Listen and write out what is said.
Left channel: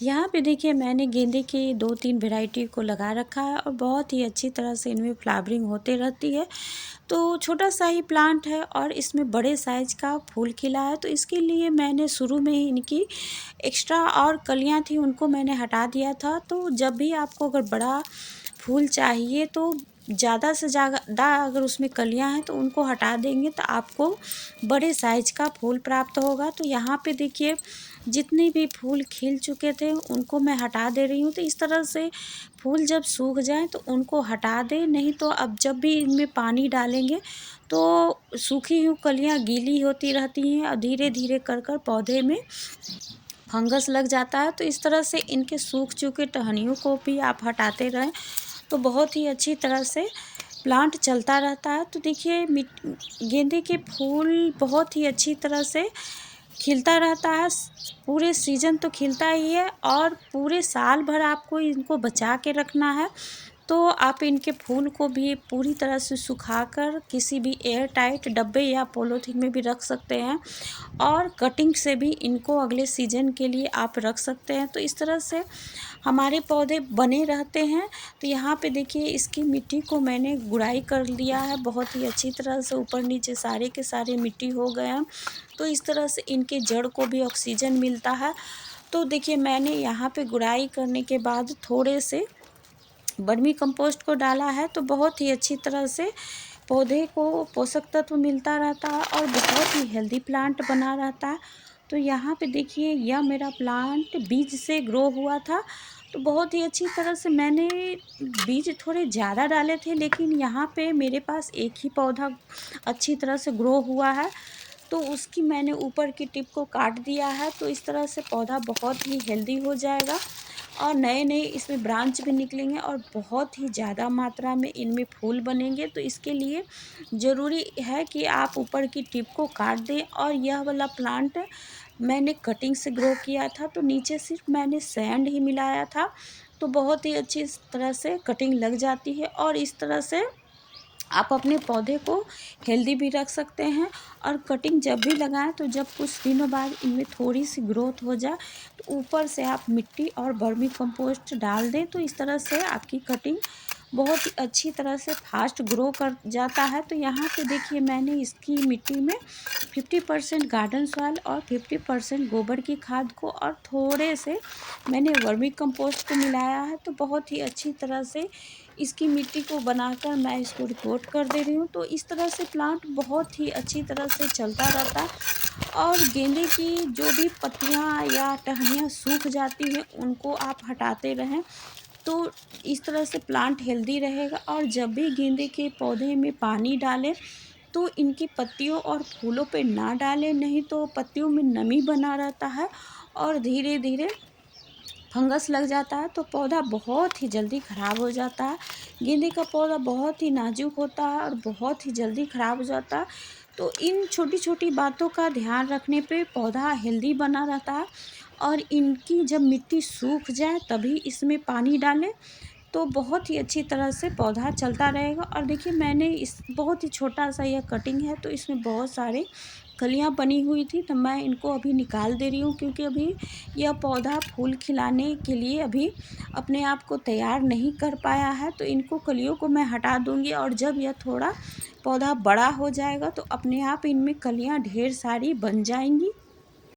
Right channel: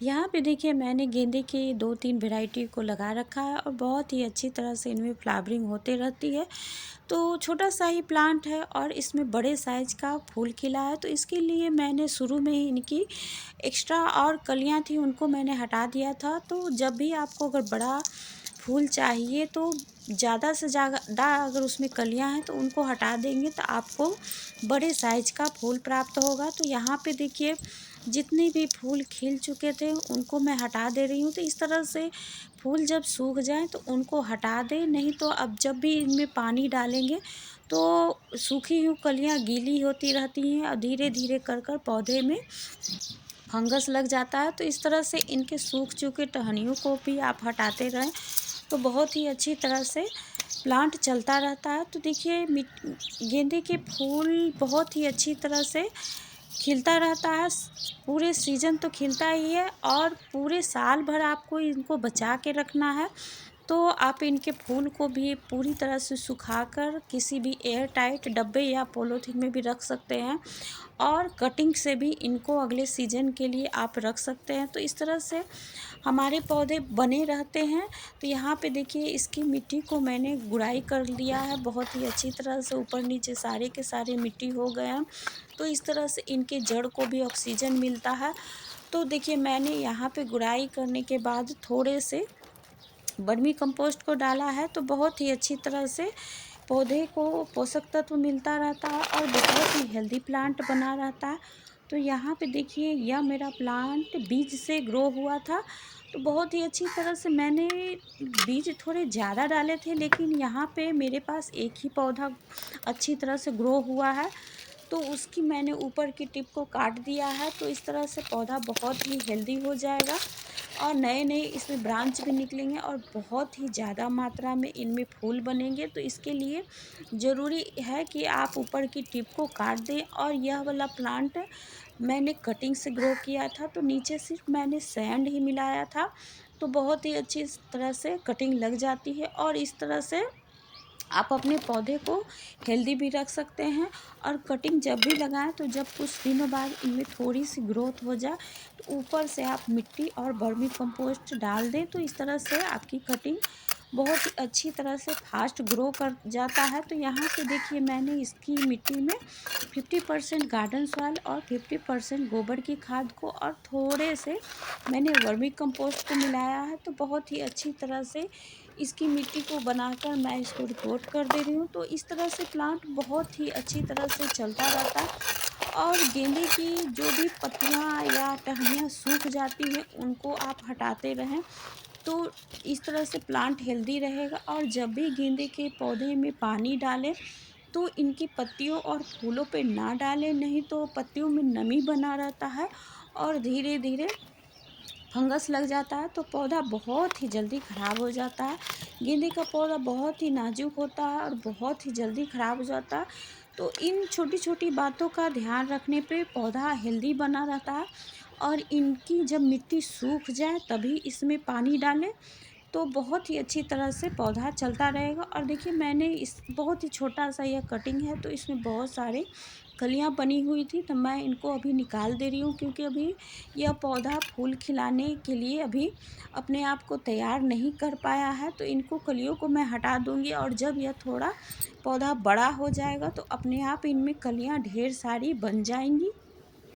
यहाँ पे देखिए मैंने गेंदे की 2-3 वैरायटी को लगा रखा है और बहुत ही अच्छी तरह से इनमें फ्लावरिंग होते रहती है। तो छोटा-सा ही प्लांट है और इसमें बड़े साइज़ का फूल खिला है, तो इसके लिए मैंने शुरू में ही इनकी एक्स्ट्रा और कलियाँ थी उनको मैंने हटा दिया था। तो जब भी आपको अगर बड़ा फूल चाहिए तो ज़्यादा से ज़्यादा अगर उसमें कलियाँ हैं तो उनको हटा देंगे तो आपको बड़े साइज़ का फूल प्राप्त होगा। तो यहाँ पे देखिए जितने भी फूल खिल चुके थे उनको मैं हटा दे रही हूँ। तो इस तरह से फूल जब सूख जाएँ तो उनको हटा दें, नहीं तो अब जब भी इनमें पानी डालेंगे तो सूखी हुई कलियाँ गीली होती रहती हैं और धीरे-धीरे कर कर पौधे में फंगस लग जाता है। तो इस तरह से इनके सूख चुके टहनियों को भी आप हटाते रहें तो बहुत ही अच्छी तरह से प्लांट चलता रहता है। तो देखिए गेंदे के फूल बहुत ही अच्छी तरह से खिलता रहता है, पूरे सीजन तो खिलता ही है और पूरे साल भर आपको इनको बचा के रखना है। तो आप इनके फूल को भी पूरी तरह से सुखाकर किसी भी एयर टाइट डब्बे या पॉलीथीन में भी रख सकते हैं और कटिंग से भी इनको अगले सीजन के लिए आप रख सकते हैं। तो इस तरह से हमारे पौधे बने रहते हैं। तो यहाँ पे देखिए इसकी मिट्टी को मैंने गुड़ाई कर लिया है बहुत ही अच्छी तरह से, ऊपर नीचे सारे के सारे मिट्टी हो गए हैं। तो इस तरह से इनके जड़ को भी ऑक्सीजन मिलता है। तो देखिए मैंने यहाँ पे गुड़ाई करने के बाद थोड़े से वर्मी कंपोस्ट को डाला है तो बहुत ही अच्छी तरह से पौधे को पोषक तत्व मिलता रहता है और बहुत ही हेल्दी प्लांट बना रहता है। तो यहाँ पे देखिए यह मेरा प्लांट बीज से ग्रो हुआ था। तो बहुत ही अच्छी तरह से मैंने बीज थोड़े ज़्यादा डाले थे, लेकिन यहाँ पे मेरे पास एक ही पौधा अच्छी तरह से ग्रो हुआ है तो उसकी मैंने ऊपर की टिप को काट दिया है। तो इस तरह से पौधा बहुत ही हेल्दी हो जाएगा और नए-नए इसमें ब्रांच भी निकलेंगे और बहुत ही ज़्यादा मात्रा में इनमें फूल बनेंगे। तो इसके लिए ज़रूरी है कि आप ऊपर की टिप को काट दें और यह वाला प्लांट मैंने कटिंग से ग्रो किया था तो नीचे सिर्फ मैंने सैंड ही मिलाया था। तो बहुत ही अच्छी इस तरह से कटिंग लग जाती है और इस तरह से आप अपने पौधे को हेल्दी भी रख सकते हैं। और कटिंग जब भी लगाएं तो जब कुछ दिनों बाद इनमें थोड़ी सी ग्रोथ हो जाए तो ऊपर से आप मिट्टी और वर्मी कंपोस्ट डाल दें। तो इस तरह से आपकी कटिंग बहुत ही अच्छी तरह से फास्ट ग्रो कर जाता है। तो यहाँ पे देखिए मैंने इसकी मिट्टी में 50% गार्डन सॉइल और 50% गोबर की खाद को और थोड़े से मैंने वर्मी कंपोस्ट को मिलाया है। तो बहुत ही अच्छी तरह से इसकी मिट्टी को बनाकर मैं इसको रिपोर्ट कर दे रही हूँ। तो इस तरह से प्लांट बहुत ही अच्छी तरह से चलता रहता है और गेंदे की जो भी पत्तियाँ या टहनियाँ सूख जाती हैं उनको आप हटाते रहें तो इस तरह से प्लांट हेल्दी रहेगा। और जब भी गेंदे के पौधे में पानी डालें तो इनकी पत्तियों और फूलों पे ना डालें, नहीं तो पत्तियों में नमी बना रहता है और धीरे धीरे फंगस लग जाता है तो पौधा बहुत ही जल्दी ख़राब हो जाता है। गेंदे का पौधा बहुत ही नाजुक होता है और बहुत ही जल्दी ख़राब हो जाता है। तो इन छोटी छोटी बातों का ध्यान रखने पे पौधा हेल्दी बना रहता है। और इनकी जब मिट्टी सूख जाए तभी इसमें पानी डालें तो बहुत ही अच्छी तरह से पौधा चलता रहेगा। और देखिए मैंने इस बहुत ही छोटा सा यह कटिंग है तो इसमें बहुत सारे कलियां बनी हुई थी तो मैं इनको अभी निकाल दे रही हूँ, क्योंकि अभी यह पौधा फूल खिलाने के लिए अभी अपने आप को तैयार नहीं कर पाया है। तो इनको कलियों को मैं हटा दूँगी और जब यह थोड़ा पौधा बड़ा हो जाएगा तो अपने आप इनमें कलियां ढेर सारी बन जाएंगी